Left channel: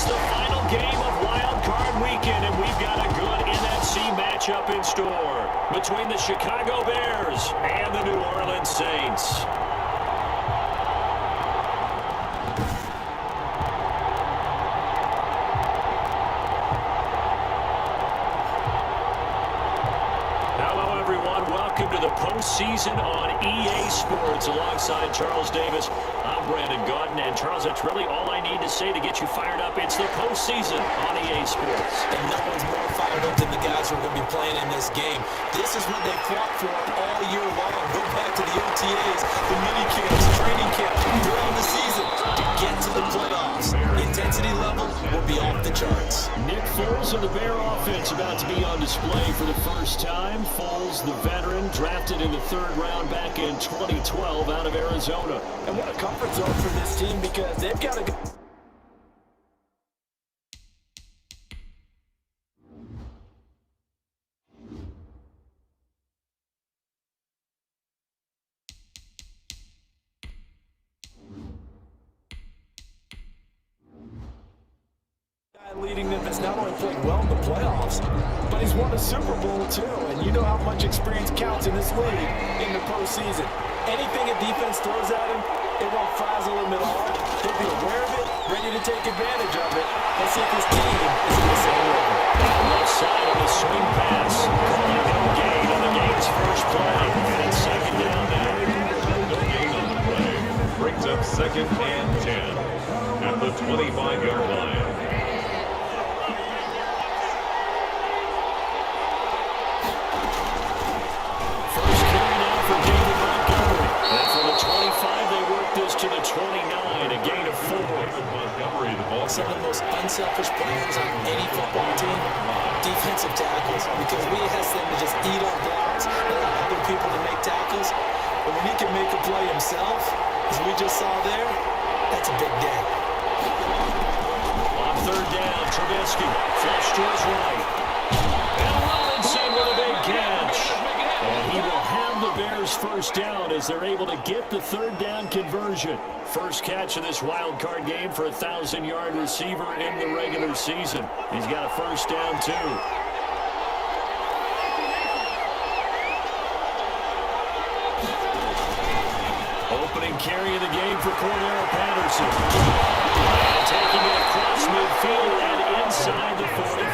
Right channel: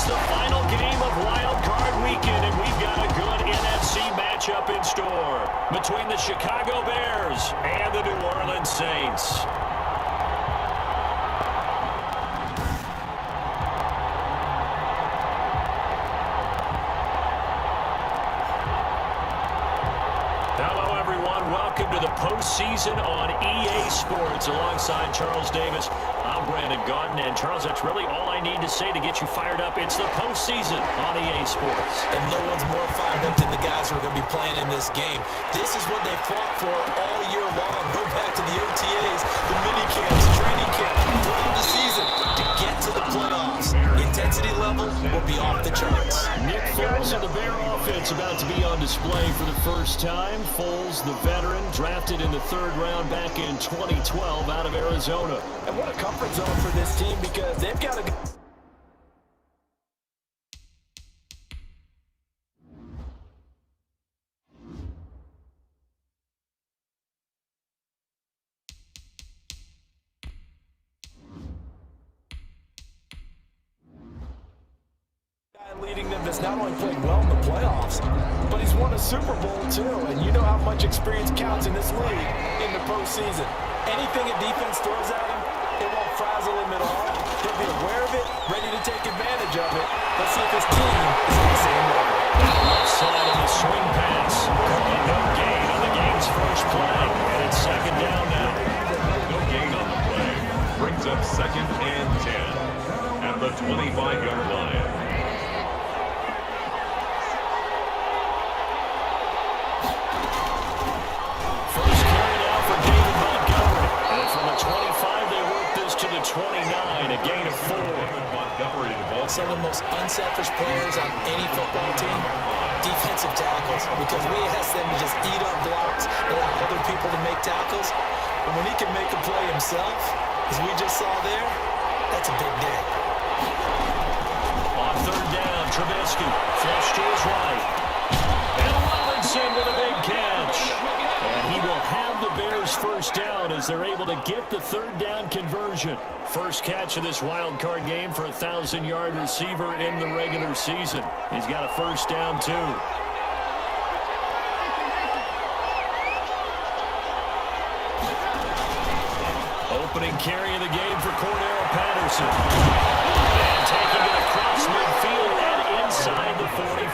It's the final game of Wild Card Weekend, and we've got a good NFC matchup in store between the Chicago Bears and the New Orleans Saints. Hello, everyone. Welcome to the postseason on EA Sports. Alongside Charles Davis, I'm Brandon Gaudin. And Charles, that's really all I need to say to get you fired up. It's the postseason on EA Sports. And no one's more fired up than the guys who are going to be playing in this game. This is what they fought for all year long. Go back to the OTAs, the mini camps, training camp, throughout the season to get to the playoffs. Intensity level will be off the charts. Nick Foles and the Bear offense about to be on display for the first time. Foles, the veteran, drafted in the third round back in 2012 out of Arizona. And what a comfort zone for this team, because they've got a leading them that's not only played well in the playoffs, but he's won a Super Bowl too. And you know how much experience counts in this league in the postseason. Anything a defense throws at him, it won't frazzle him at all. He'll be aware of it, ready to take advantage of it. Let's see if his team is at the same level. Left side of the swing pass. Calling no gain on the game's first play. And it's second down now. No gain on the play. Brings up 2nd and 10 at the 25-yard line. First carry now for David Montgomery. And from the 25, they work this to the 29, a gain of 4. Montgomery, the ball. Some of the most unselfish players on any football team, defensive tackles, because we ask them to just eat up blocks, allow other people to make tackles. But when he can make a play himself, as we just saw there, that's a big day. On third down, Trubisky, flush to his right. And Robinson with a big catch. And he will have the Bears first down as they're able to get the third down conversion. First catch of this wild card game for a 1,000-yard receiver in the regular season. He's got a first down, too. Opening carry of the game for Cordero Patterson. And taking it across midfield and inside the 45.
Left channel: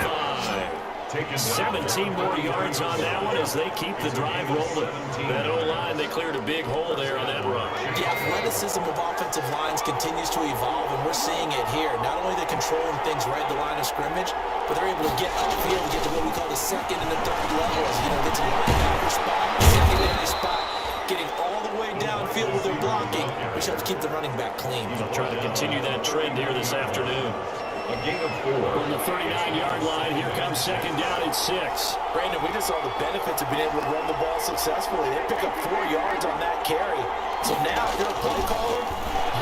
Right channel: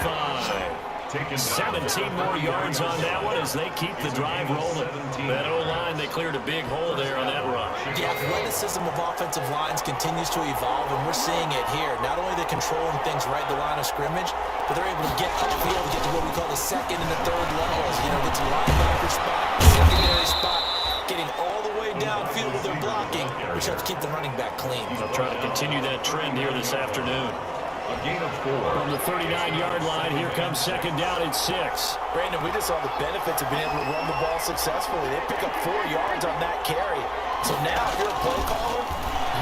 17 more yards on that one as they keep the drive rolling. That O-line, they cleared a big hole there on that run. The athleticism of offensive lines continues to evolve, and we're seeing it here. Not only are they controlling things right at the line of scrimmage, but they're able to get upfield, get to what we call the second and the third levels. You know, get to linebacker spot, secondary spot, getting all the way downfield with their blocking, which helps keep the running back clean. They'll try to continue that trend here this afternoon. A gain of 4. From the 39-yard line, here comes second down at 6. Brandon, we just saw the benefits of being able to run the ball successfully. They pick up 4 yards on that carry. So now, if you're a play caller,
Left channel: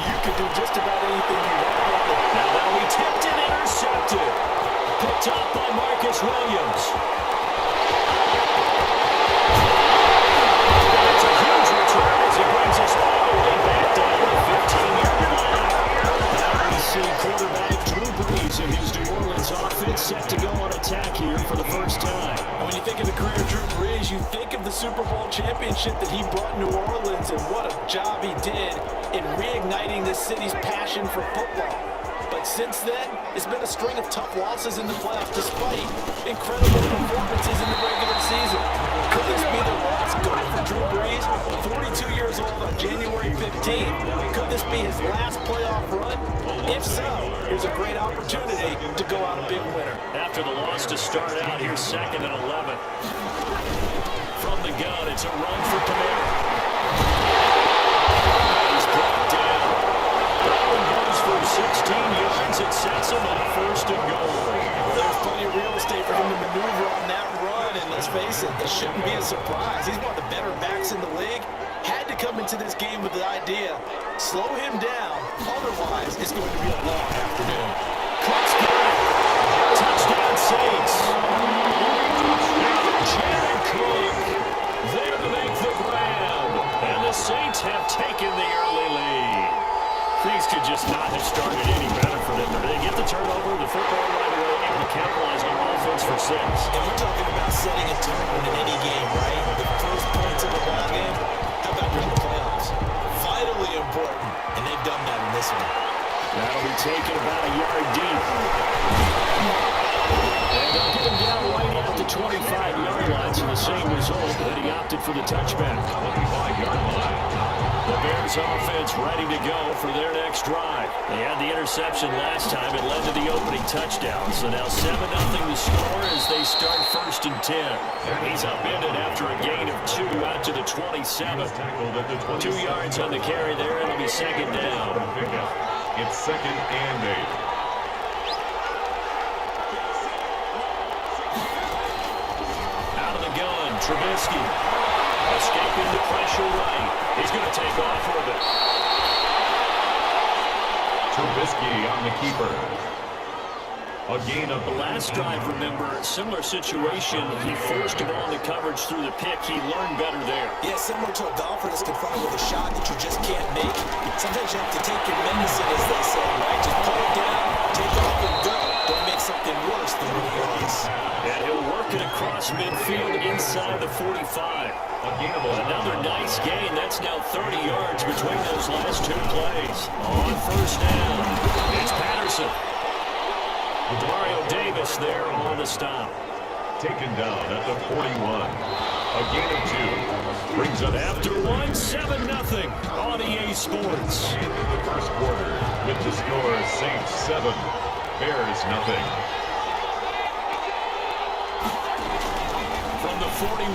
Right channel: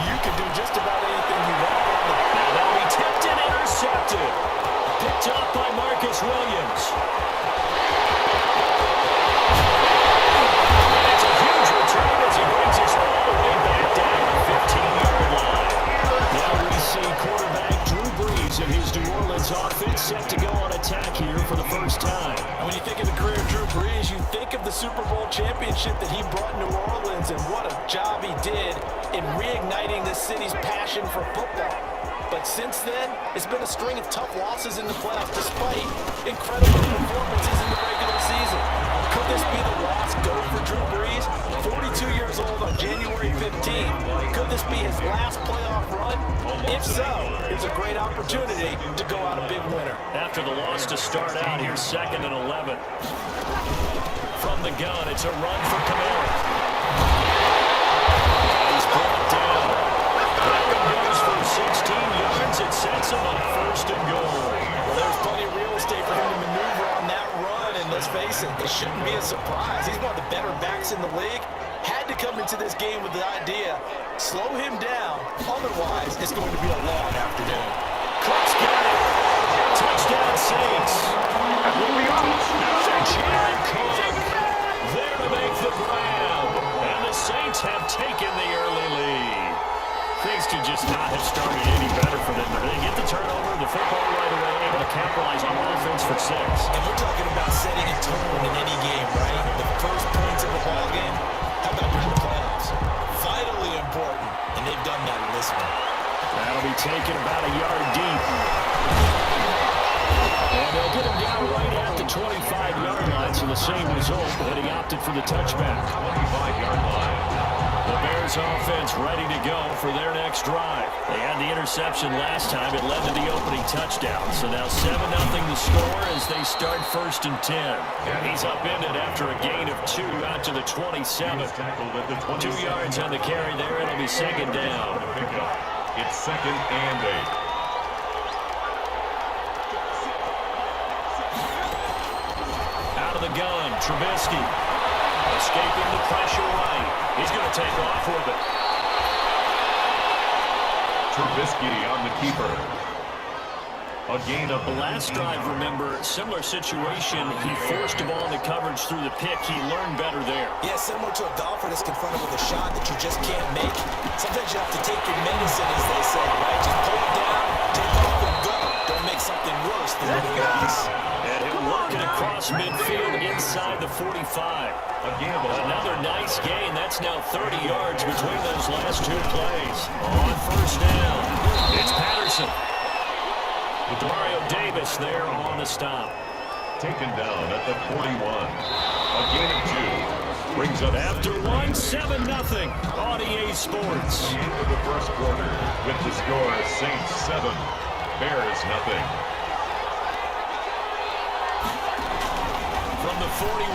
you can do just about anything you want. Now that'll be tipped and intercepted. Picked up by Marcus Williams. And it's a huge return as he brings us all the way back down to the 15-yard line. Now we see quarterback Drew Brees and his New Orleans offense set to go on attack here for the first time. And when you think of the career of Drew Brees, you think of the Super Bowl championship that he brought New Orleans, and what a job he did in reigniting this city's passion for football. But since then, it's been a string of tough losses in the playoffs despite incredible performances in the regular season. Could this be the last go for Drew Brees? 42 years old on January 15th. Could this be his last playoff run? If so, here's a great opportunity to go out a big winner. After the loss to start out, here's 2nd and 11. From the gun, it's a run for Kamara. And he's brought down. That one goes for 16 yards. It sets him up 1st and goal. Well, there's plenty of real estate for him to maneuver on that run, and let's face it, it shouldn't be a surprise. He's one of the better backs in the league. Had to come into this game with the idea, slow him down, otherwise it's going to be a long afternoon. Cook's got it. Touchdown Saints. Jared Cook there to make the grab. And the Saints have taken the early lead. Things could just not have started any better for them. They get the turnover, the football right away, able to capitalize on offense for 6. And we're talking about setting a tone in any game, right? The first points of the ball game, how about during the playoffs? Vitally important, and they've done that in this one. That'll be taken about a yard deep. And they'll get him down right at the 25-yard line, so the same result, and he opted for the touchback. 25-yard line. The Bears offense ready to go for their next drive. They had the interception last time. It led to the opening touchdown. So now 7-0 the score as they start 1st and 10. And he's upended after a gain of 2 out to the 27. 2 yards on the carry there. It'll be 2nd down. It's 2nd and 8. Out of the gun, Trubisky. Escaping the pressure right. He's going to take off with it. Trubisky on the keeper. A gain of The last drive, remember, similar situation. He forced the ball into coverage through the pick. He learned better there. Yeah, similar to a golfer that's confronted with a shot that you just can't make. Sometimes you have to take your medicine, as they say, right? Just pull it down, take off, and go. Don't make something worse than what it was. And he'll work it across midfield inside the 45. Another nice gain. That's now 30 yards between those last 2 plays. On 1st down, it's Patterson. Mario Davis there on the stop. taken down at the 41. A gain of 2 brings up after 7-0 on EA Sports. Into the first quarter with the score Saints 7, Bears nothing. From the 41,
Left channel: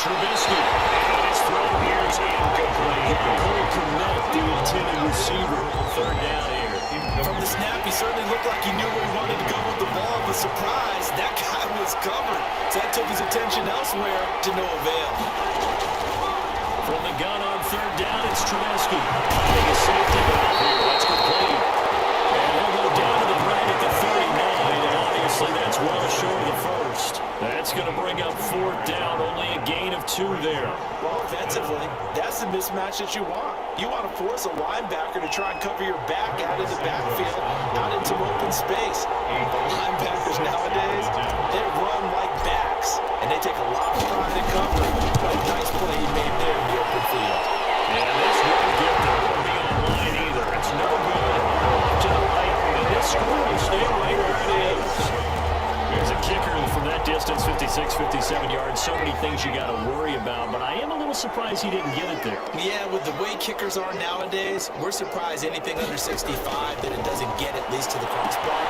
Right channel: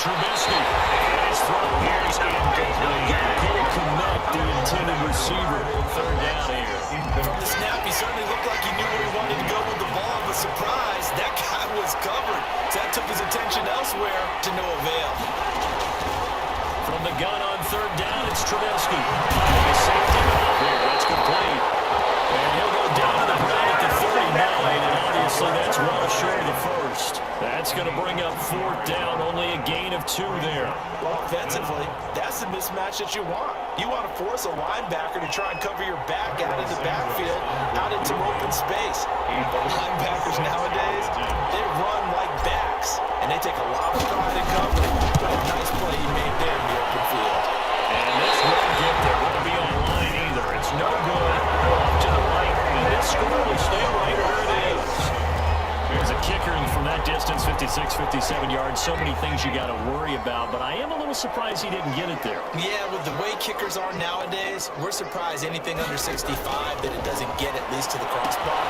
Trubisky, and his throw here is incomplete. Cole Kmet, the intended receiver. 3rd down here. From the snap, he certainly looked like he knew where he wanted to go with the ball, but surprise, that guy was covered. So that took his attention elsewhere to no avail. From the gun on 3rd down, it's Trubisky. Finding a safety valve here. That's complete. And he'll go down to the ground at the 39, and obviously that's well short of the first. That's going to bring up 4th down, only a gain of 2 there. Well, offensively, that's the mismatch that you want. You want to force a linebacker to try and cover your back out of the backfield, out into open space. But linebackers nowadays, they run like backs, and they take a lot of pride in covering. But a nice play he made there in the open field. And this won't get there. Won't be online either. It's no good. Off to the right, and this score will stay right where it is. There's a kicker from that distance, 56, 57 yards. So many things you got to worry about, but I am a little surprised he didn't get it there. Yeah, with the way kickers are nowadays, we're surprised anything under 65 that it doesn't get at least to the crossbar.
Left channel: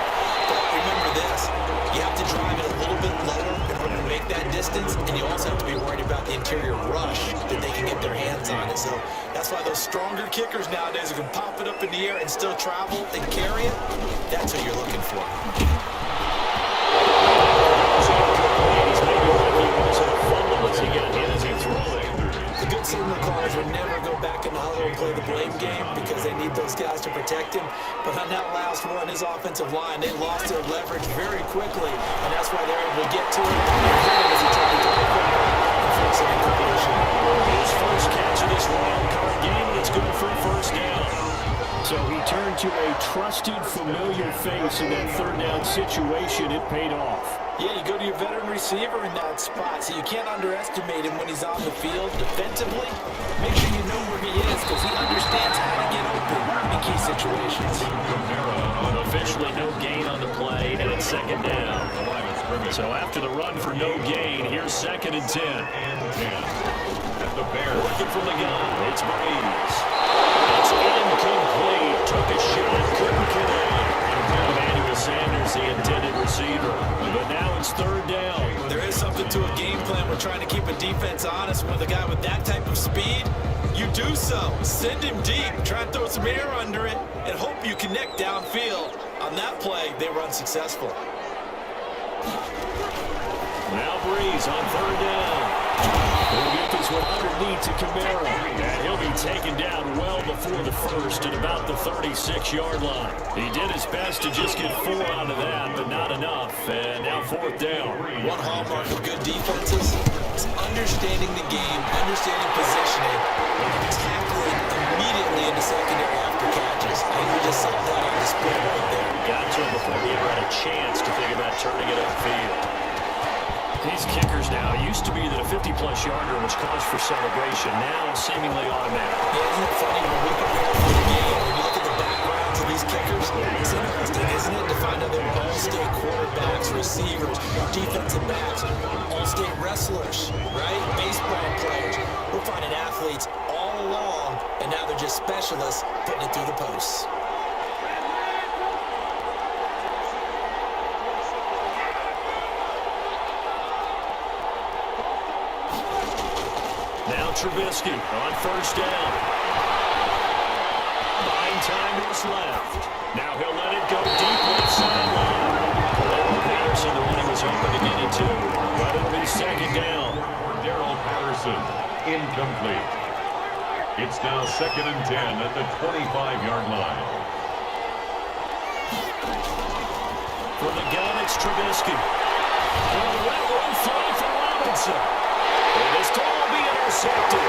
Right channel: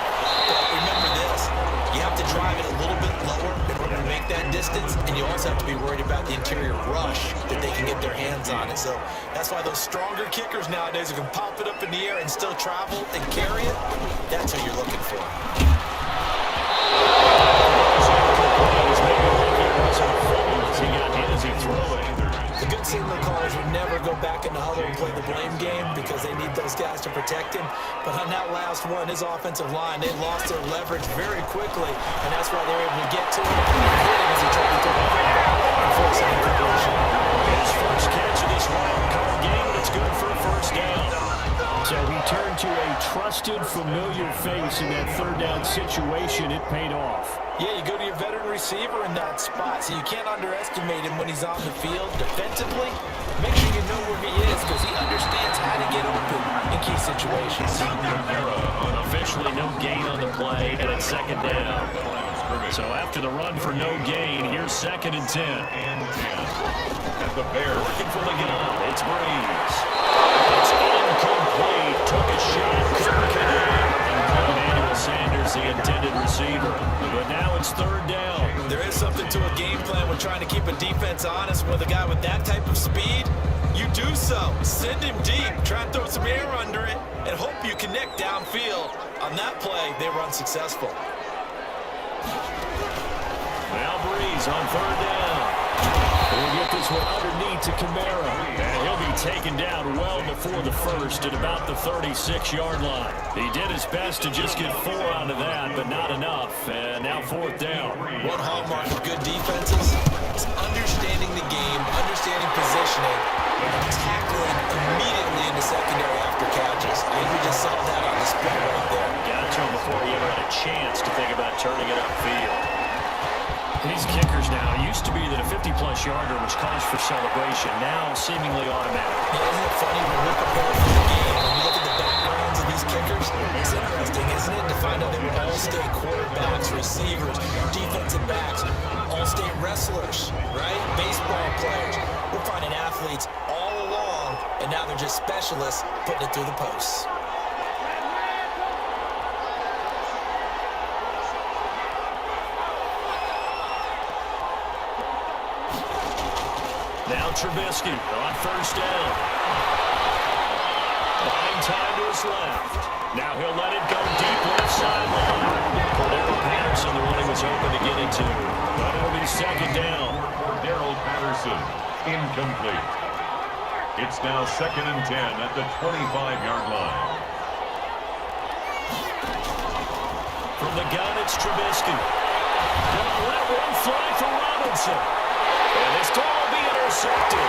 But remember this, you have to drive it a little bit lower in order to make that distance, and you also have to be worried about the interior rush that they can get their hands on it. So that's why those stronger kickers nowadays who can pop it up in the air and still travel and carry it, that's who you're looking for. He's maybe lucky it wasn't a fumble as he got hit as he threw it. The good signal callers would never go back in the huddle and play the blame game because they need those guys to protect him. But on that last one, his offensive line, they lost their leverage very quickly, and that's why they were able to get to him and hit him as he tried to throw the football and force an incompletion. His first catch of this wild card game, and it's good for a 1st down. So he turned to a trusted, familiar face in that 3rd down situation. It paid off. Yeah, you go to your veteran receiver in that spot, so you can't underestimate him when he's on the field. Defensively, make sure you know where he is because he understands how to get open in key situations. Officially no gain on the play, and it's 2nd down. So after the run for no gain, here's 2nd and 10. At the Bears. Working from the gun, it's Breeze. It's incomplete. Took a shot, couldn't connect. Emmanuel Sanders, the intended receiver. But now it's 3rd down. There is something to a game plan when trying to keep a defense honest. With a guy with that type of speed, you do so. Send him deep. Try and throw some air under it and hope you connect downfield. On that play, they were unsuccessful. Now Breeze on 3rd down. We'll get this one underneath to Kamara. And he'll be taken down well before the first at about the 36-yard line. He did his best to just get 4 out of that, but not enough. And now 4th down. One hallmark of good defenses is understanding the game, understanding positioning, and tackling immediately in in the secondary after catches. I think we just saw that on display right there. Got to him before he ever had a chance to think about turning it upfield. These kickers now, it used to be that a 50-plus yarder was cause for celebration, now seemingly automatic. Yeah, isn't it funny when we prepare for the game, when you look at the backgrounds of these kickers, it's interesting, isn't it, to find out they're all-state quarterbacks, receivers, defensive backs, all-state wrestlers, right? Baseball players. We're finding athletes all along, and now they're just specialists putting it through the posts. Now Trubisky on first down. Buying time to his left. Now he'll let it go deep left sideline. Cordero Patterson, the one he was hoping to get into. But it'll be second down. Cordero Patterson, incomplete. It's now 2nd and 10 at the 25-yard line. From the gun, it's Trubisky. Gonna let one fly for Robinson. And this throw will be intercepted.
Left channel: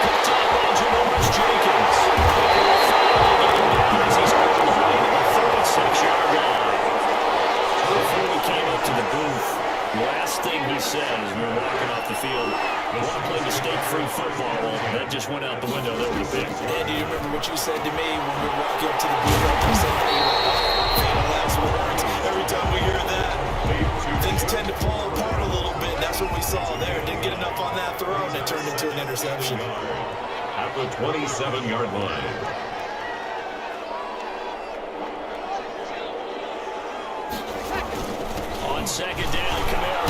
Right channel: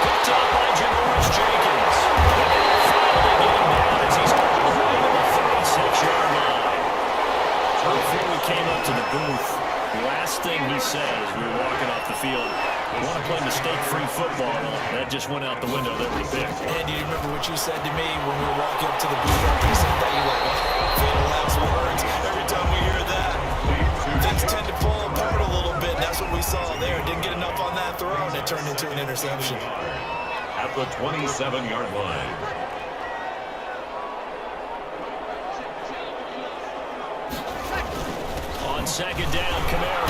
Picked up by GeForce Jenkins. And they will finally get him down as he's all the way to the 36-yard line. Before we came up to the booth, the last thing he said as we were walking off the field, I want to play mistake-free football. Well, that just went out the window there with the pick. Andy, you remember what you said to me when we were walking up to the booth after you said that? You're like, oh, fatal last words. Every time we hear that, things tend to fall apart a little bit. That's what we saw there. Didn't get enough on that throw, and it turned into an interception. At the 27-yard line. On second down, Kamara.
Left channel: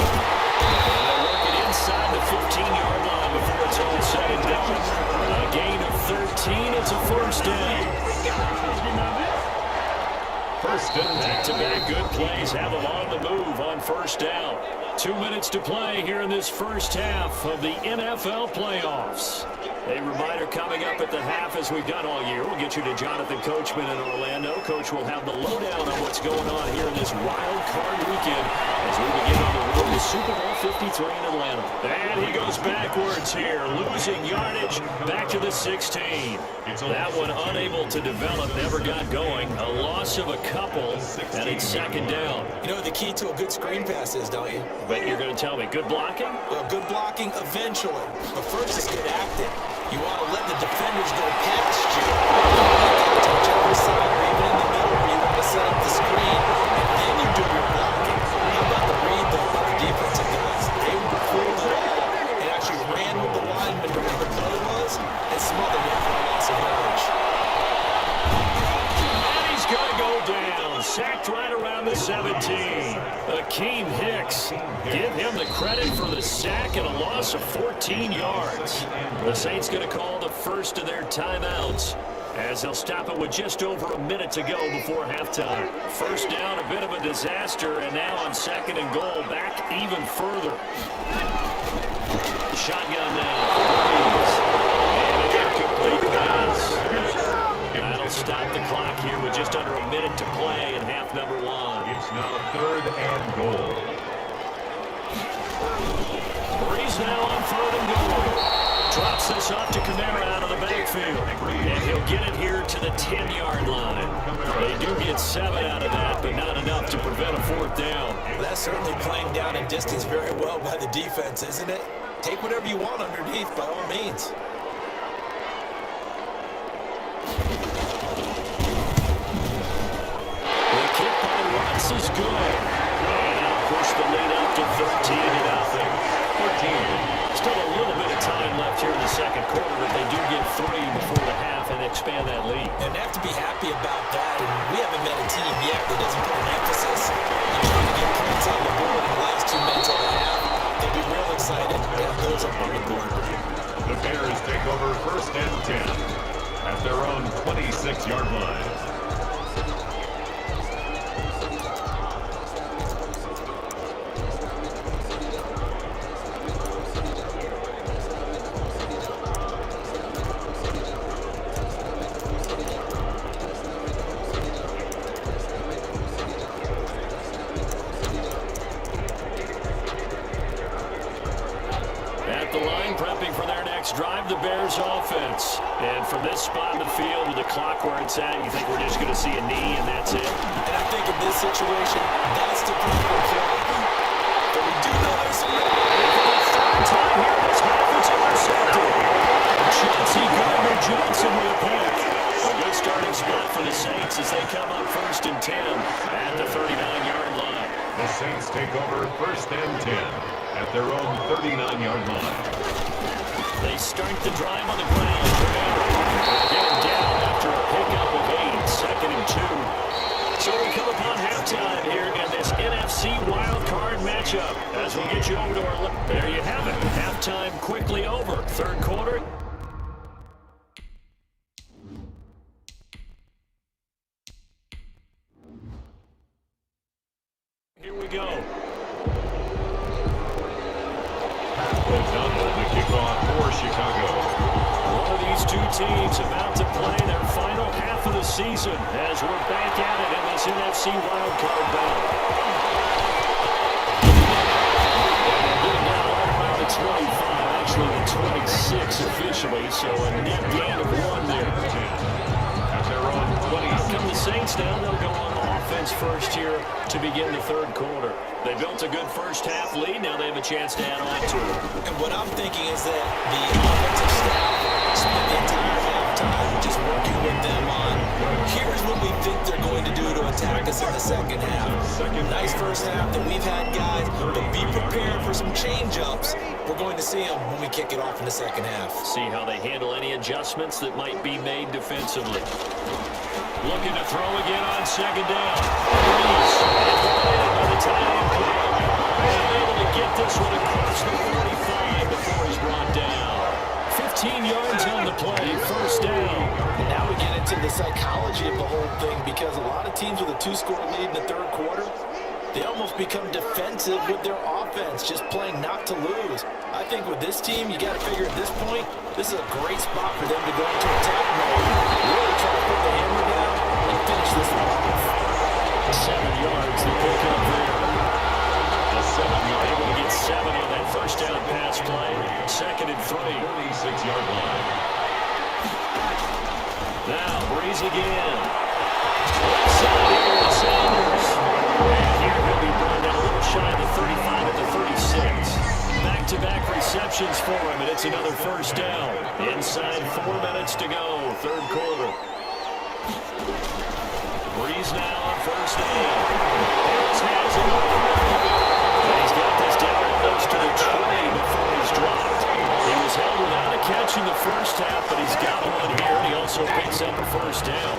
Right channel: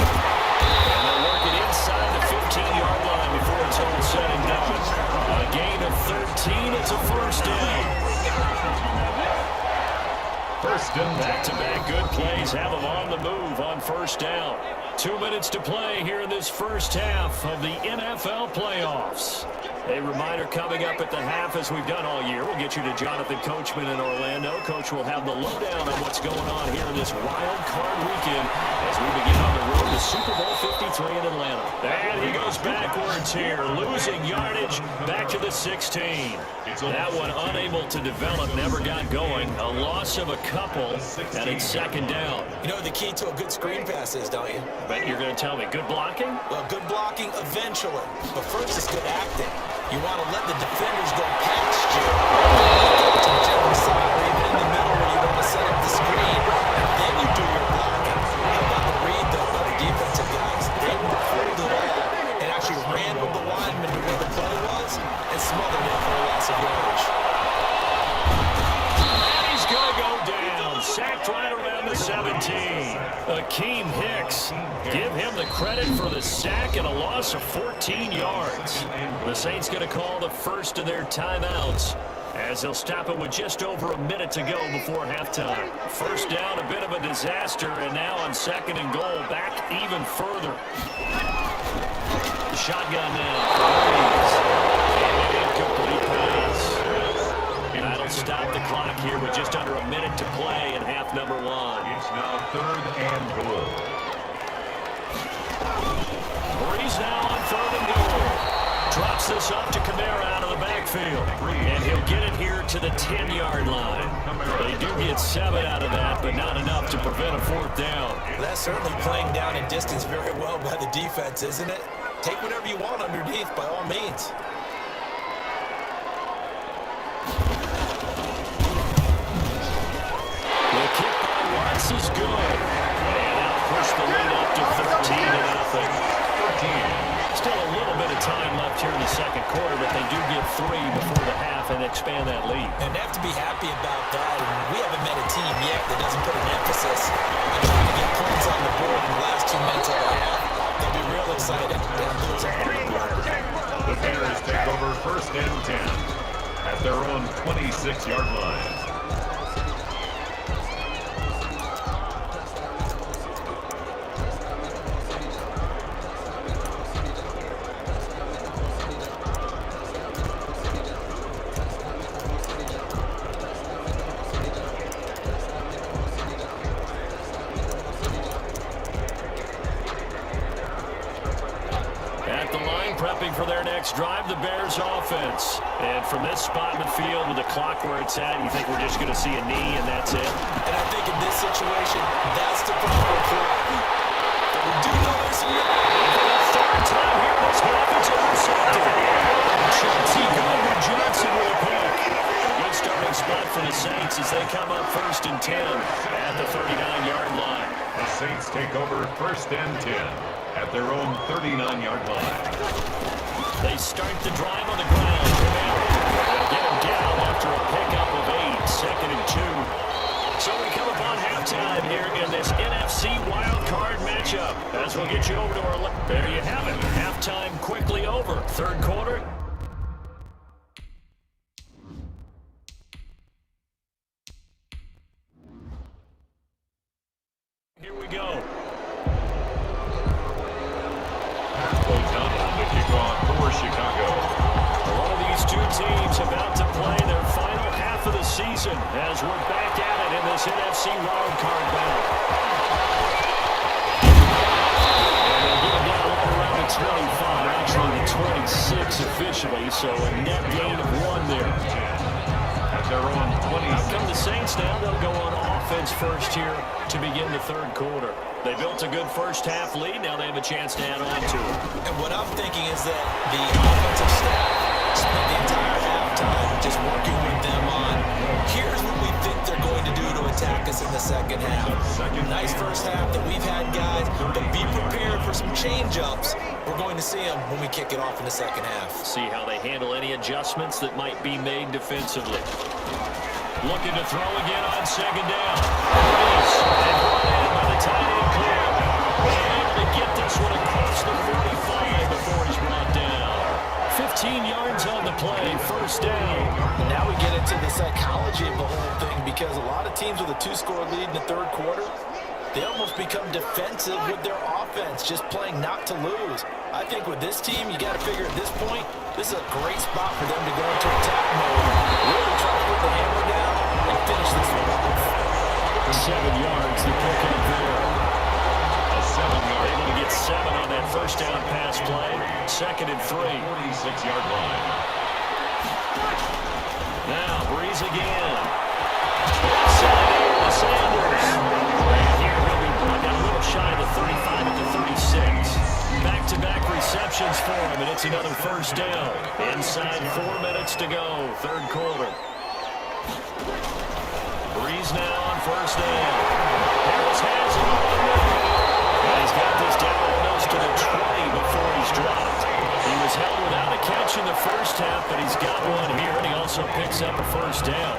And they'll work it inside the 15-yard line before it's all said and done. A gain of 13. It's a first down. First and 10. Back-to-back good plays have them on the move on first down. 2 minutes to play here in this first half of the NFL playoffs. A reminder coming up at the half, as we've done all year. We'll get you to Jonathan Coachman in Orlando. Coach will have the lowdown on what's going on here in this wild card weekend as we begin on the road to Super Bowl 53 in Atlanta. And he goes backwards here, losing yardage back to the 16. That one unable to develop, never got going. A loss of a couple, and it's second down. You know what the key to a good screen pass is, don't you? Bet you're going to tell me, good blocking? Well, good blocking eventually, but first is good acting. You want to let the defenders go past you, to whichever side or even in the middle where you want to set up the screen, and then you do your blocking. How about the read, though, by the defensive guys? They weren't fooled at all and actually ran with the lineman to where the play was and smothered it for a loss of yardage. And he's going to go down. Sacked right around the 17. Akeem Hicks. Give him the credit for the sack and a loss of 14 yards. The Saints going to call the first of their timeouts as they'll stop it with just over a minute to go before halftime. First down, a bit of a disaster, and now on second and goal, back even further. Shotgun now for Breeze. And an incomplete pass. That'll stop the clock here with just under a minute to play in half number one. It's now 3rd and goal. Breeze now on 3rd and goal. Drops this up to Kamara out of the backfield. And he'll get it here to the 10-yard line. They do get 7 out of that, but not enough to prevent a 4th down. That's certainly playing down in distance very well by the defense, isn't it? Take whatever you want underneath, by all means. The kick by Lutz is good. And that'll push the lead up to 13-0. 14. Still a little bit of time left here in the second quarter, but they do get 3 before the half and expand that lead. And they have to be happy about that. And we haven't met a team yet that doesn't put an emphasis on trying to get points on the board in the last 2 minutes of the half. They'll be real excited to have those up on the board. The Bears take over 1st and 10 at their own 26-yard line. At the line, prepping for their next quarterbacks drive the Bears offense. And from this spot in the field with the clock where it's at, you think we're just going to see a knee and that's it? And I think in this situation, that's the proper play. But we do know there's some... For the third time here in this half, it's intercepted. Chauncey Gardner-Johnson with a pick. A good starting spot for the Saints as they come up 1st and 10 at the 39-yard line. The Saints take over 1st and 10 at their own 39-yard line. They start the drive on the ground. They'll get him down after a pickup of 8, 2nd and 2. So we come upon halftime here in this NFC wildcard matchup. As we'll get you over to our... There you have it. Halftime quickly over. 3rd quarter. Here we go. O'Donnell, the kickoff for Chicago. One of these two teams about to play their final half of the season as we're back at it in this NFC wildcard battle. And they'll get him down right around the 25, actually the 26 officially, so a net gain of 1 there. At their own 20. Out come the Saints now. They'll go on offense first here to begin the 3rd quarter. They built a good first half lead. Now they have a chance to add on to it. And what I'm thinking is that the offensive staff spent the entire halftime just working with them on, here's what we think they're going to do to attack us in the 2nd half. Nice first half that we've had, guys, but be prepared for some change-ups. We're going to see them when we kick it off in the 2nd half. See how they handle any adjustments that might be made defensively. Looking to throw again on 2nd down. Breeze and brought in by the tight end Clem. And able to get this one across the 45 before he's brought down. 15 yards on the play, 1st down. And now we get into the psychology of the whole thing because a lot of teams with a 2-score lead in the 3rd quarter, they almost become defensive with their offense, just playing not to lose. I think with this team, you got to figure at this point, this is a great spot for them to go into attack mode, really try to put the hammer down and finish this one off. 7 yards, the pickup there. A 7-yard. Able to get 7 on that 1st down pass play. 2nd and 3. 46-yard line. Now, Breeze again. Left side here to Sanders. And here he'll be brought down a little shy of the 35 at the 36. Back-to-back receptions for him, and it's another 1st down. Inside 4 minutes to go, 3rd quarter. Breeze now on 1st down. Harris has it over the middle. And he's got this down almost to the 20 before he's dropped. He was held without a catch in the 1st half, but he's got one here, and he also picks up a 1st down.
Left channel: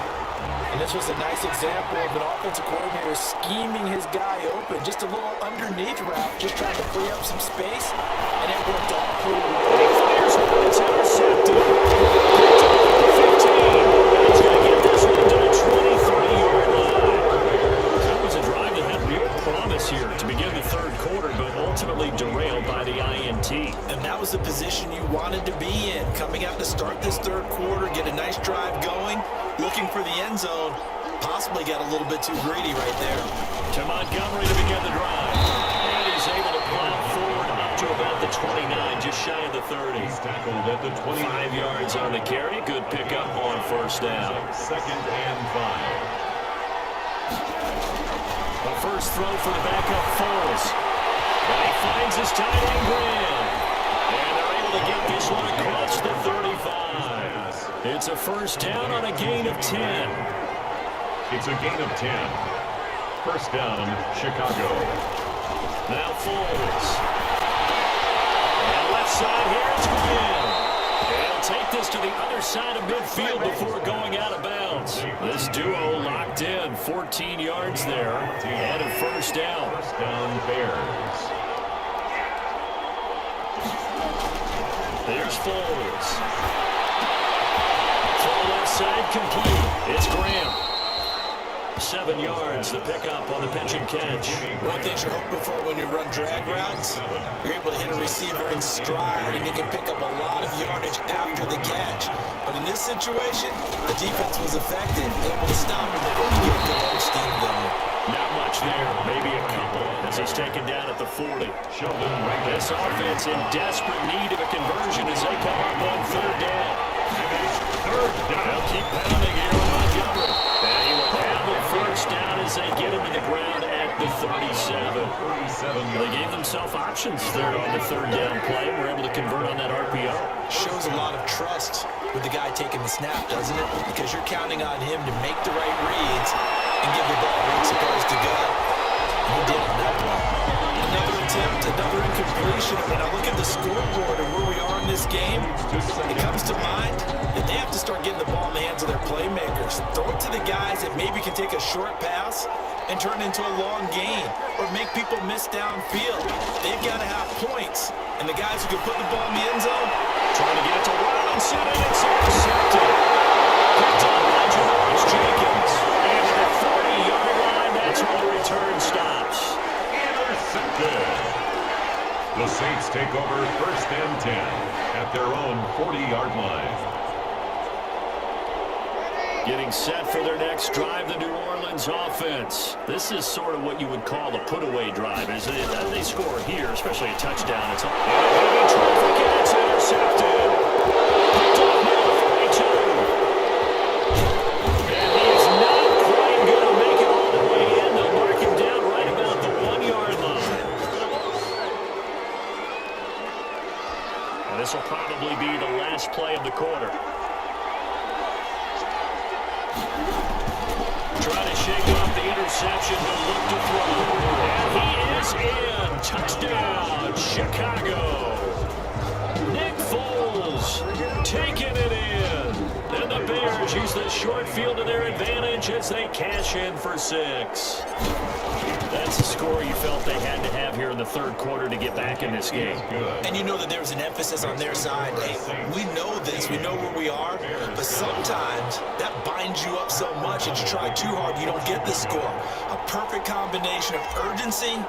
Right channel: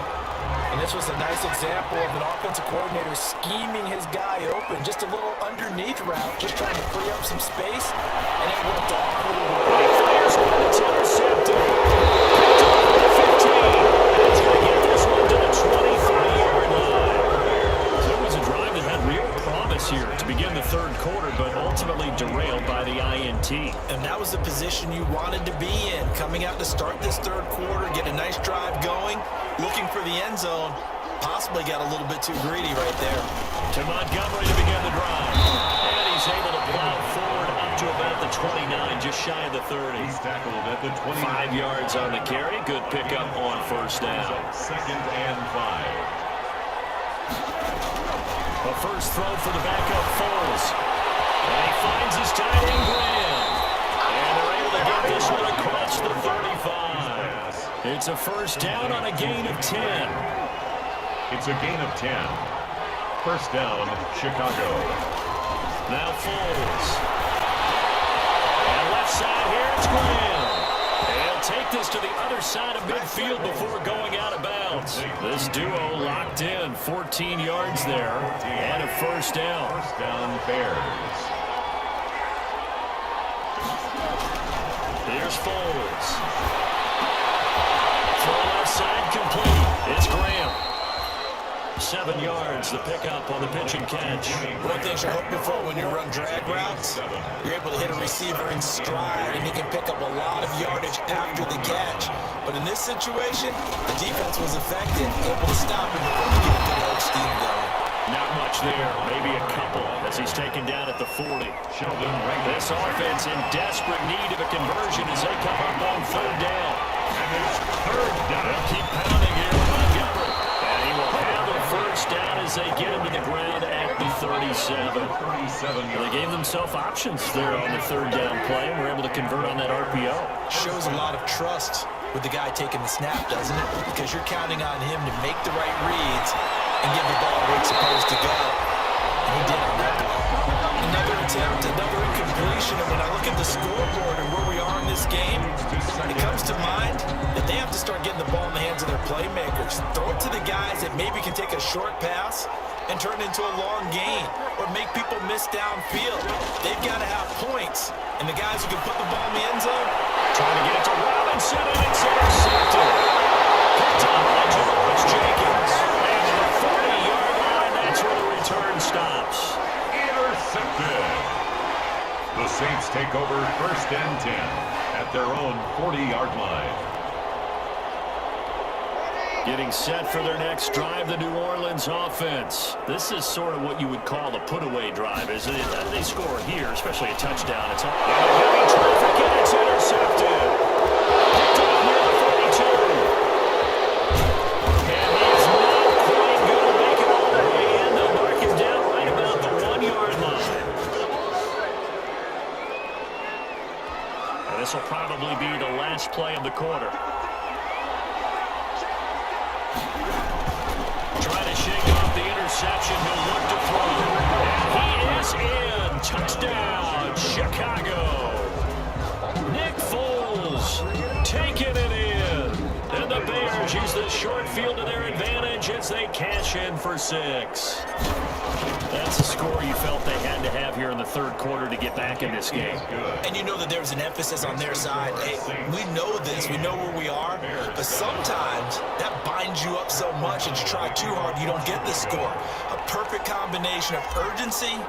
And this was a nice example of an offensive coordinator scheming his guy open. Just a little underneath route, just trying to free up some space, and it worked all pretty well. And he fires one, it's intercepted. Picked off at the 15, and he's going to get this one to the 23-yard line. So it was a drive that had real promise here to begin the 3rd quarter, but ultimately derailed by the INT. And that was the position you wanted to be in. Coming out to start this 3rd quarter, get a nice drive going, looking for the end zone, possibly got a little bit too greedy right there. To Montgomery to begin the drive. And he's able to plow forward up to about the 29, just shy of the 30. He's tackled at the 20. 5 yards on the carry. Good pickup on 1st down. 2nd and 5. A first throw for the backup Foles. And he finds his tight end Graham. And they're able to get this one across the 35. It's a 1st down on a gain of 10. It's a gain of 10. 1st down, Chicago. Now Foles. And left side here, it's Graham. And he'll take this to the other side of midfield before going out of bounds. This duo locked in, 14 yards there, and a 1st down. 1st down, Bears. Here's Foles. Throw left side complete. It's Graham. 7 yards, the pickup on the pitch and catch. One thing you're hoping for when you run drag routes, you're able to hit a receiver in stride and you can pick up a lot of yardage after the catch. But in this situation, the defense was effective, able to stop him before he get a good old steam going. Not much there, maybe a couple, as he's taken down at the 40. This This offense in desperate need of a conversion as they come up on third down. third down. They'll keep pounding here with Montgomery. And he will have the first down as they get him to the ground at the 37. They gave themselves options there on the third down play and were able to convert on that RPO. Shows a lot of trust with the guy taking the snap, doesn't it? Because you're counting on him to make the right reads and give the ball where it's supposed to go. And he did on that play. Another attempt, another incompletion, and when I look at the scoreboard and where we are in this game, it comes to mind that they have to start getting the ball in the hands of their playmakers. Throw it to the guys that maybe can take a short pass and turn it into a long gain or make people miss downfield. They've got to have points, and the guys who can put the ball in the end zone, Trying to get it to Robinson, and it's intercepted. Picked up by Janoris Jenkins. And to the 40-yard line, that's where the return stops. Intercepted. The Saints take over first and 10 at their own 40-yard line. Getting set for their next drive, the New Orleans offense. This is sort of what you would call a put-away drive. As they score here, especially a touchdown, it's all heavy traffic, and it's intercepted. Picked up near the 42. And he is not quite going to make it all the way in. They'll mark him down right about the 1-yard line. And this will probably be the last play of the quarter. Trying to shake off the interception. He'll look to throw. And he is in. Touchdown, Chicago. Nick Foles taking it in. And the Bears use the short field to their advantage as they cash in for 6. That's a score you felt they had to have here in the third quarter to get back in this game. and you know that there's an emphasis on their side. Hey, we know this. We know where we are. But sometimes that binds you up so much that you try too hard, you don't get the score. A perfect combination of urgency,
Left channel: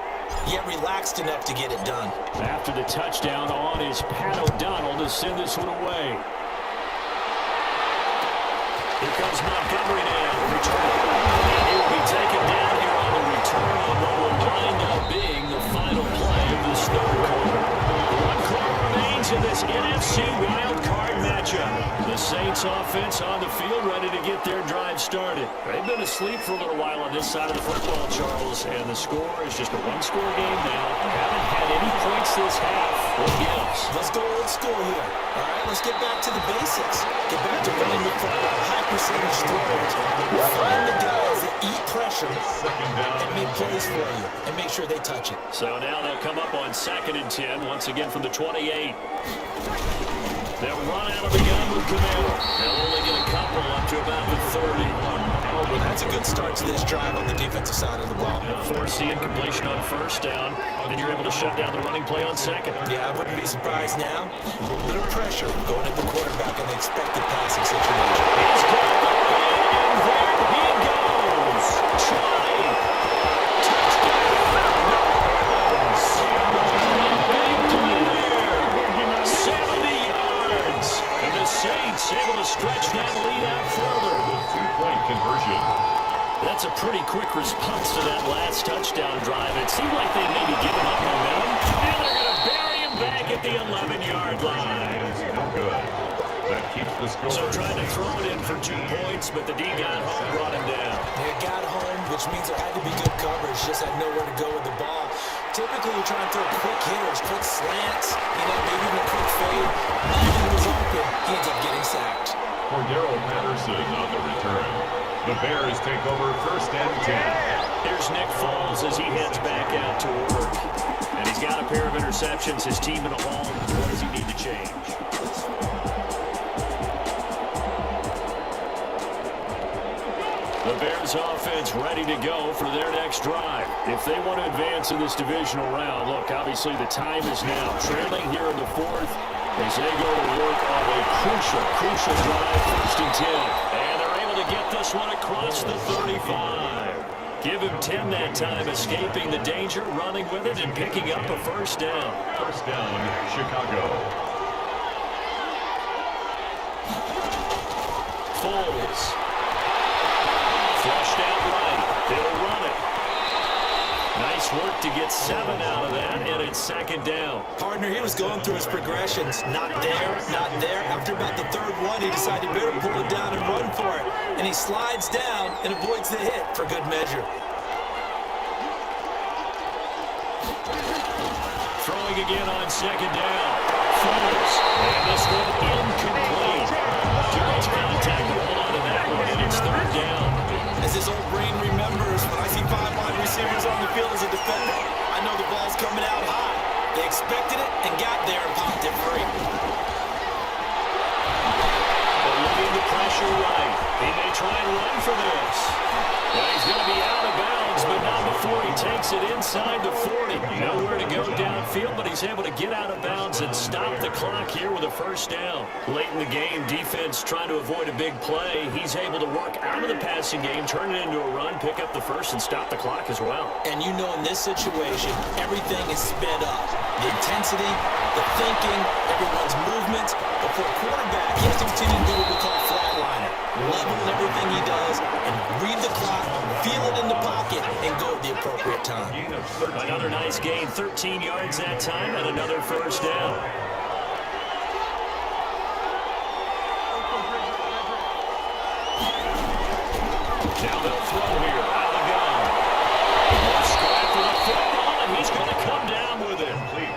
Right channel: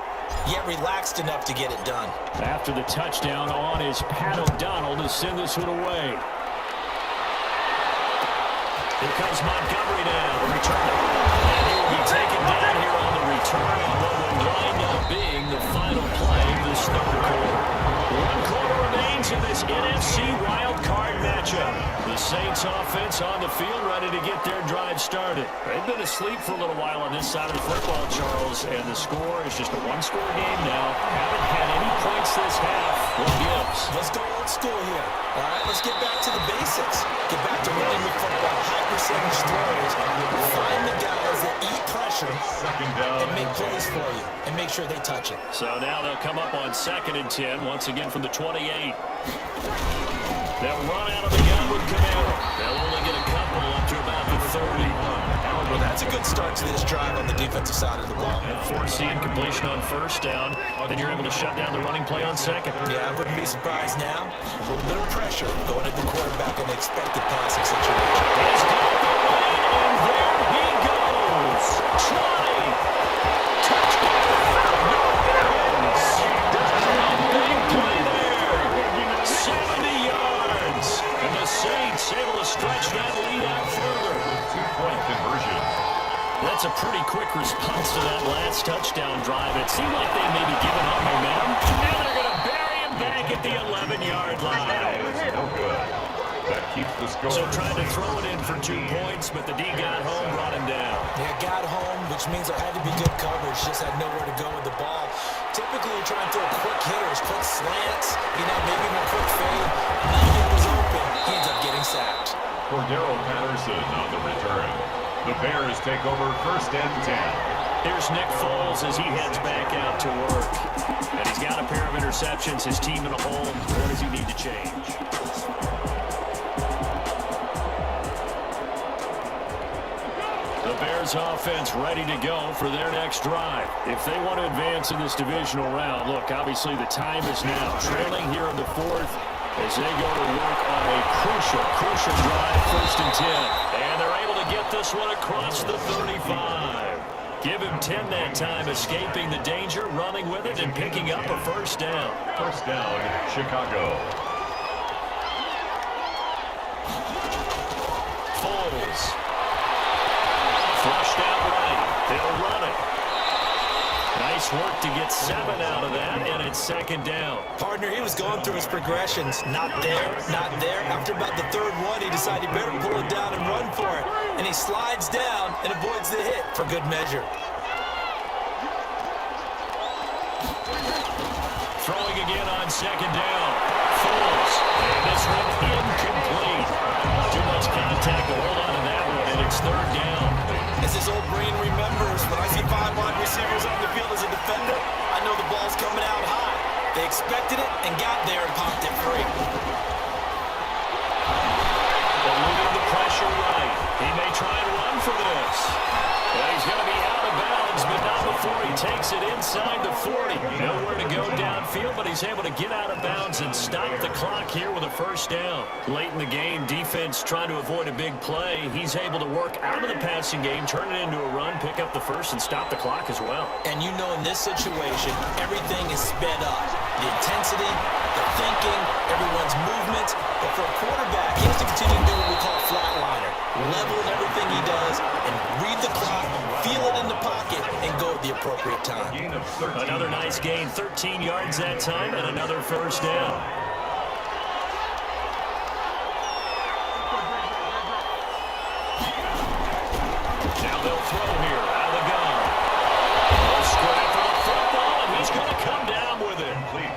yet relaxed enough to get it done. After the touchdown on is Pat O'Donnell to send this one away. Here comes Montgomery now, the returner. And he will be taken down here on the return on what will wind up being the final play of this third quarter. 1 quarter remains in this NFC wildcard matchup. The Saints offense on the field ready to get their drive started. They've been asleep for a little while on this side of the football, Charles, and the score is just a one-score game now. Haven't had any points this half. What gives? Let's go old school here. All right, let's get back to the basics. Get back to running the football, high percentage throws. Find the guys that eat pressure and make plays for you and make sure they touch it. So now they'll come up on 2nd and 10, once again from the 28. They'll run out of the gun with Camaro. They'll only get a couple up to about the 30. Well, that's a good start to this drive on the defensive side of the ball. Forcing completion on first down. Then you're able to shut down the running play on 2nd. Yeah, I wouldn't be surprised now. A little bit of pressure going at the quarterback in the expected passing situation. He's got the lead, and there he goes. 20. Touchdown. No runs. Big play there. 70 yards. And the Saints able to stretch that lead out further. 2-point conversion. That's a pretty quick response to that last touchdown drive. It seemed like they may be giving up momentum. And they're going to bury him back at the 11-yard line. No good. That keeps the score. So tried to throw it in for 2 points, but the D got home, brought him down. They got home, which means there had to be good coverage. Just had nowhere to go with the ball. Typically, you're trying to throw quick hitters, quick slants, maybe even a quick fade. Nothing was open. He ends up getting sacked. Cordero Patterson on the return. The Bears take over first and 10. Here's Nick Foles as he heads back out to work. And he's got a pair of interceptions, his team in a hole. What does he need to change? The Bears offense ready to go for their next drive. If they want to advance in this divisional round, look, obviously the time is now. Trailing here in the 4th as they go to work on a crucial drive, 1st and 10. And they're able to get this one across the 35. Give him 10 that time, escaping the danger, running with it, and picking up a first down. First down, Chicago. Foles. Flushed out right. He'll run it. Nice work to get 7 out of that, and it's second down. Partner, he was going through his progressions. Not there, not there. After about the third one, he decided he better pull it down and run for it. And he slides down and avoids the hit for good measure. Throwing again on second down. Foles. And this one incomplete. Too much contact to hold on to that one, and it's third down. As his old brain remembers, when I see 5 wide receivers on the field as a defender, I know the ball's coming out high. They expected it and got there and popped it free. Eluding the pressure right. He may try and run for this. And he's going to be out of bounds, but not before he takes it inside the 40. Nowhere to go downfield, but he's able to get out of bounds and stop the clock here with a first down. Late in the game, defense trying to avoid a big play. He's able to work out of the passing game, turn it into a run, pick up the first, and stop the clock as well. And you know in this situation, everything is sped up. The intensity, the thinking, everyone's movement. But for a quarterback, he has to continue to do what we call flatliner. Level in everything he does and read the clock, feel it in the pocket, and go at the appropriate time. Another nice gain, 13 yards that time, and another first down. Now they'll throw here, out of the gun. Scrap for the football, and he's going to come down with it.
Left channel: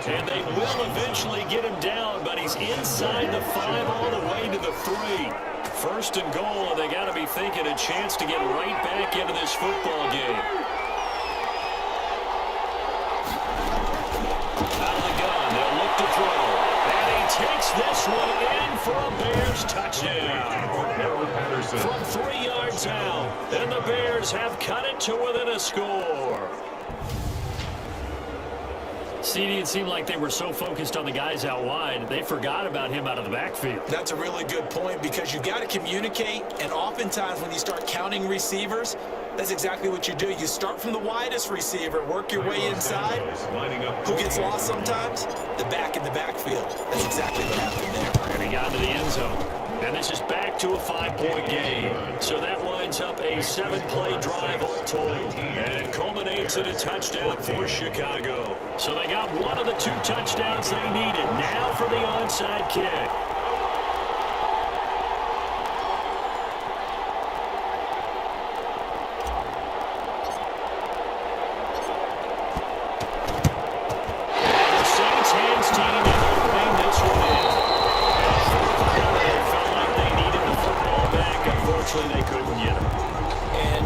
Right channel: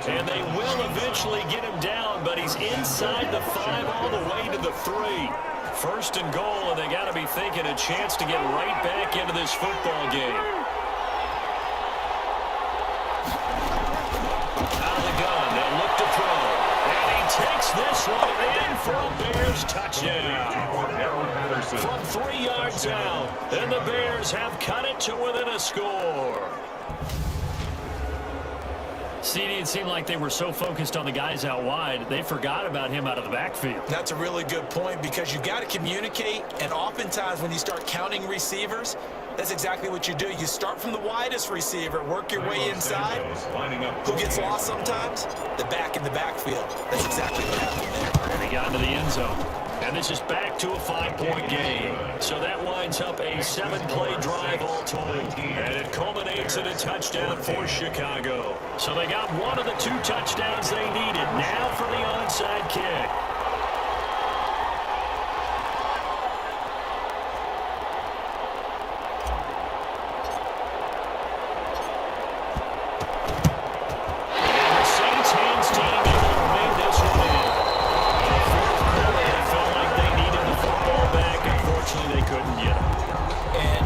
And they will eventually get him down, but he's inside the 5 all the way to the 3. First and goal, and they got to be thinking a chance to get right back into this football game. Out of the gun, they'll look to throw. And he takes this one in for a Bears touchdown. From 3 yards out, and the Bears have cut it to within a score. CD, it seemed like they were so focused on the guys out wide, they forgot about him out of the backfield. That's a really good point because you got to communicate, and oftentimes when you start counting receivers, that's exactly what you do. You start from the widest receiver, work your way inside. Who gets lost sometimes? The back in the backfield. That's exactly what happened there. And he got into the end zone. And this is back to a 5-point game. So that winds up a 7-play drive all told. And it culminates in a touchdown for Chicago. So they got one of the 2 touchdowns they needed. Now for the onside kick. And the Saints hands team able to bring this one in. Unfortunately, they couldn't get him. And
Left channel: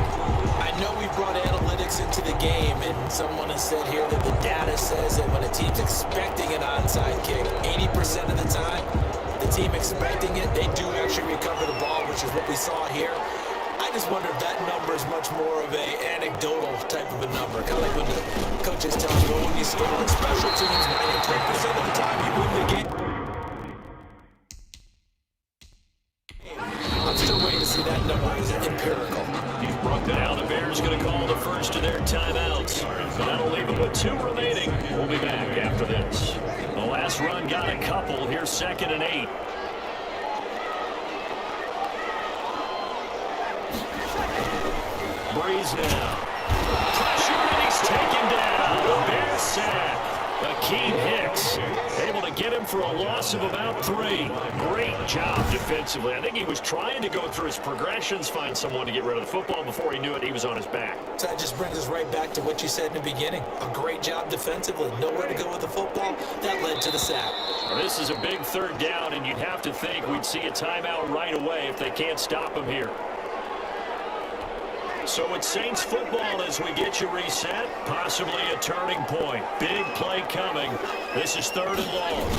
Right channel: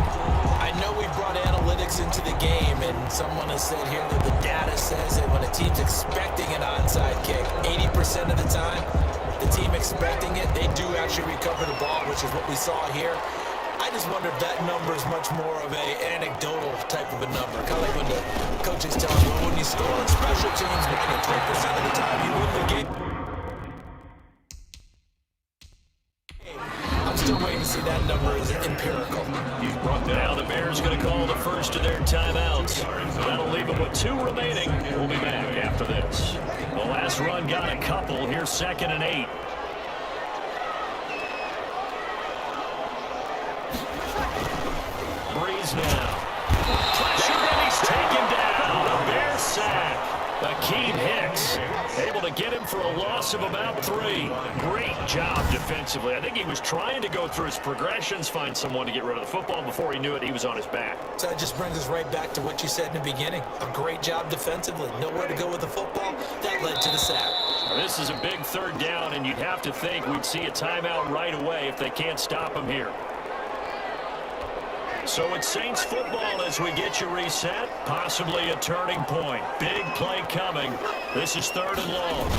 I know we brought analytics into the game, and someone has said here that the data says that when a team's expecting an onside kick, 80% of the time, the team expecting it, they do actually recover the ball, which is what we saw here. I just wonder if that number is much more of a anecdotal type of a number. Kind of like when the coaches tell you, well, when you score on special teams, 93% of the time you win the game. I'm still waiting to see that number is empirical. Now the Bears going to call the first of their timeouts. That'll leave it with 2 remaining. We'll be back after this. The last run got a couple. Here's 2nd and 8. Breeze now. Pressure, and he's taken down. A Bears sack. Akeem Hicks able to get him for a loss of about 3. Great job defensively. I think he was trying to go through his progressions, find someone to get rid of the football. Before he knew it, he was on his back. So that just brings us right back to what you said in the beginning. A great job defensively. Nowhere to go with the football. That led to the sack. Now, this is a big 3rd down, and you'd have to think we'd see a timeout right away if they can't stop him here. So it's Saints football as we get you reset. Possibly a turning point. Big play coming. This is 3rd and long.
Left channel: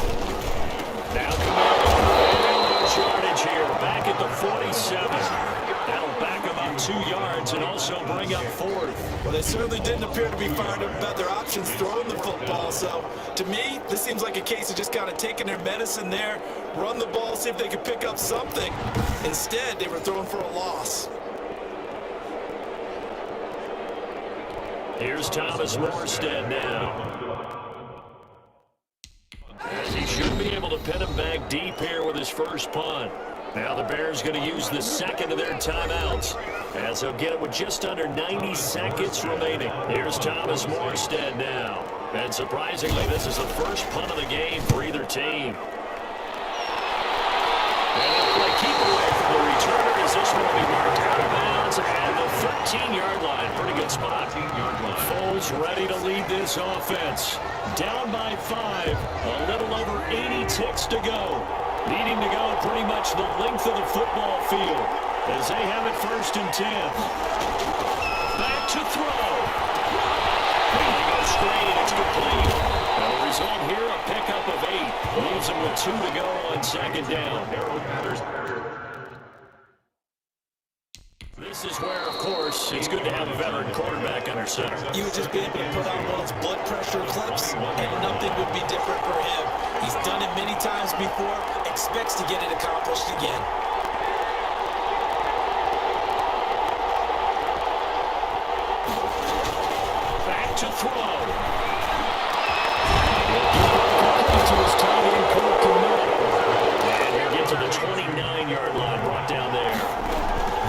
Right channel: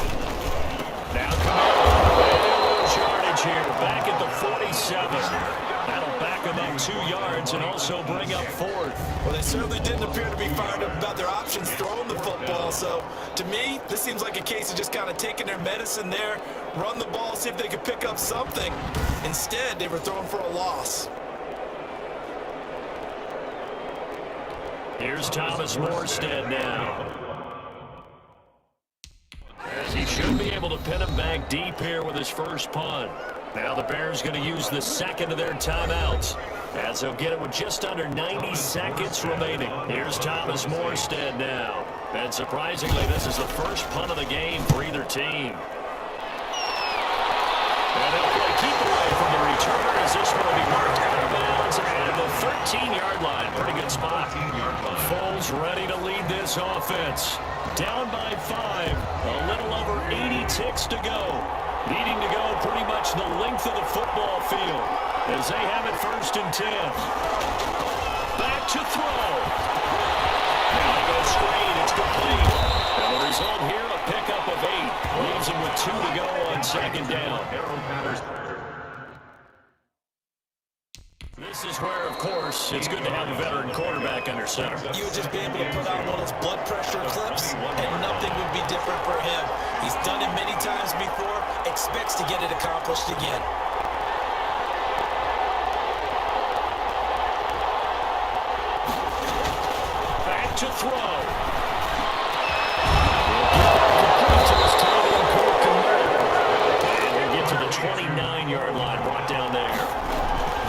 Now Camaro. And he'll lose yardage here. Back at the 47. That'll back him up 2 yards and also bring up 4th. Well, they certainly didn't appear to be fired up about their options throwing the football. So, to me, this seems like a case of just kind of taking their medicine there, run the ball, see if they could pick up something. Instead, they were throwing for a loss. Here's Thomas Morstead now. As he should be able to pin him back deep here with his first punt. Now the Bears going to use the 2nd of their timeouts. As he'll get it with just under 90 seconds remaining. Here's Thomas Morstead now. And surprisingly, this is the first punt of the game for either team. And they'll play keep away from the returner as this one will be marked out of bounds at the 13-yard line. Pretty good spot. 13-yard line. Foles ready to lead this offense. Down by 5. A little over 80 ticks to go. Needing to go pretty much the length of the football field as they have it 1st and 10. Back to throw. Now they go straight. It's complete. And the result here, a pickup of 8. Leaves them with 2 to go on 2nd down. This is where, of course, it's good to have a veteran quarterback under center. You would just be able to put on one of those blood pressure clips, and nothing would be different for him. He's done it many times before, expects to get it accomplished again. Back to throw. Complete to his tight end, Cole Kmet. And he'll get to the 29-yard line, brought down there.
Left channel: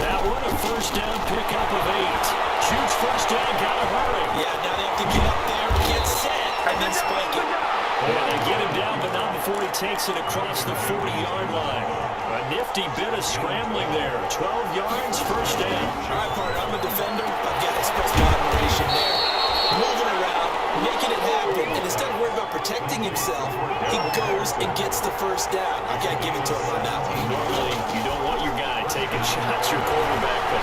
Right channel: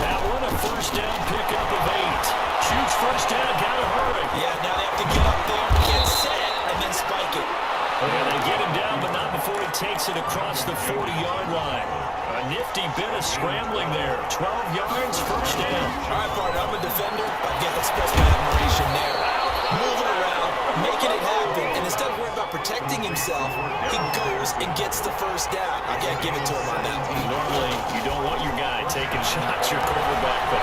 That one, a 1st down pickup of 8. Huge 1st down, gotta hurry. Yeah, now they have to get up there, get set, and then spike it. And they get him down, but not before he takes it across the 40-yard line. A nifty bit of scrambling there. 12 yards, 1st down. All right, partner, I'm a defender. I've got to express my admiration there. Moving around, making it happen, and instead of worrying about protecting himself, he goes and gets the 1st down. I got to give it to him on that one. Normally, you don't want your guy taking shots, your quarterback, but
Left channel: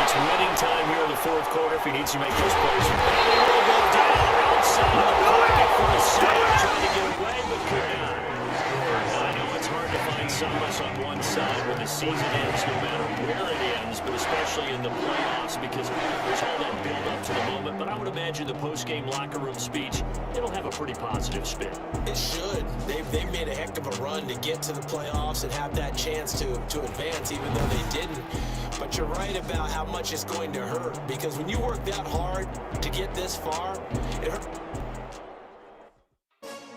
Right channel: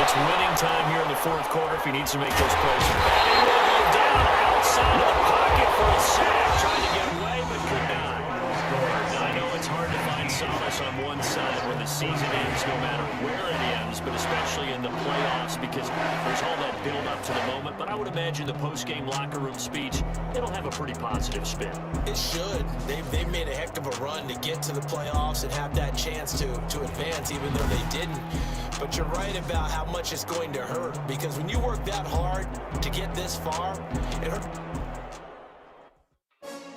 it's winning time here in the 4th quarter if he needs to make those plays. And he will go down outside of the pocket for a sack. Trying to get away, but could not. Now, I know it's hard to find solace on one side when the season ends, no matter where it ends, but especially in the playoffs, because there's all that build up to the moment. But I would imagine the post-game locker room speech, it'll have a pretty positive spin. It should. They've made a heck of a run to get to the playoffs and have that chance to advance, even though they didn't. But you're right about how much it's going to hurt, because when you work that hard to get this far, it hurts.